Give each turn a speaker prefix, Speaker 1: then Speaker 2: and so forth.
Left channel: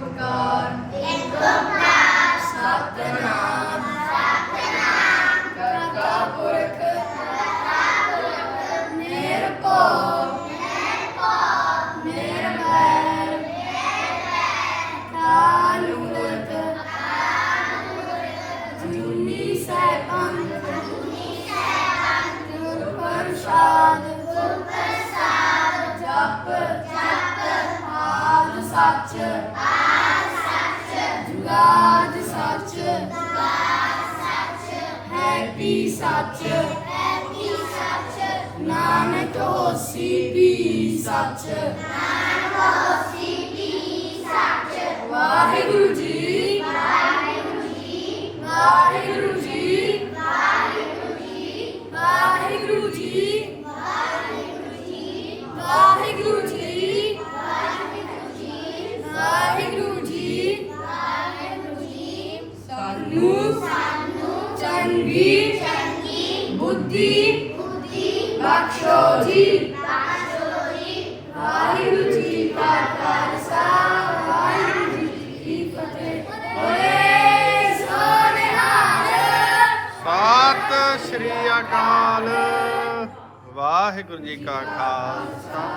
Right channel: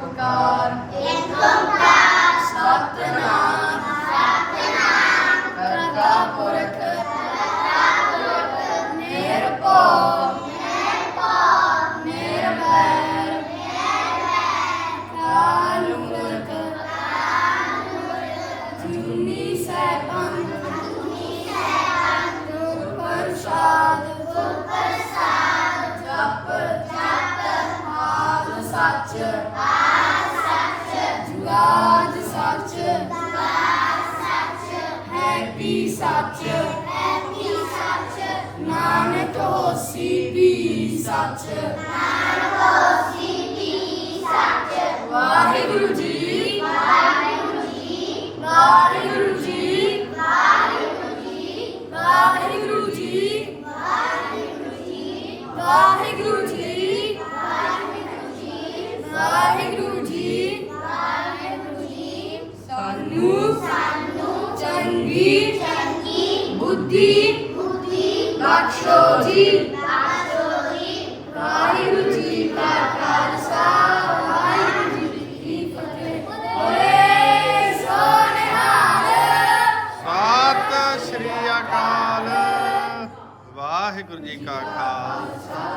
Speaker 1: for God. ਹੈਪੀ ਸੱਚ ਹੈ ਵੀ ਸੱਚ ਸੱਚ ਨਾਨਕ ਹੋਸੀ ਵੀ ਸੱਚ ਨਾਨਕ ਹੋਸੀ ਵੀ ਸੱਚ ਵਾਹਿਗੁਰੂ ਜੀ ਚੰਗੀ ਚੰਗੀ ਬੁੱਧੀ ਬੁੱਧੀ ਬਖਸ਼ੋ ਜੀ ਬਖਸ਼ੋ ਜੀ ਵਾਹਿਗੁਰੂ ਜੀ ਕਾ ਖਾਲਸਾ, ਵਾਹਿਗੁਰੂ ਜੀ ਕੀ ਫਤਿਹ। ਓਏ ਸੋਨਿਹਾਲ
Speaker 2: ਸਤਿ ਸ਼੍ਰੀ ਅਕਾਲ। ਵਾਹਿਗੁਰੂ ਜੀ ਕਾ ਖਾਲਸਾ।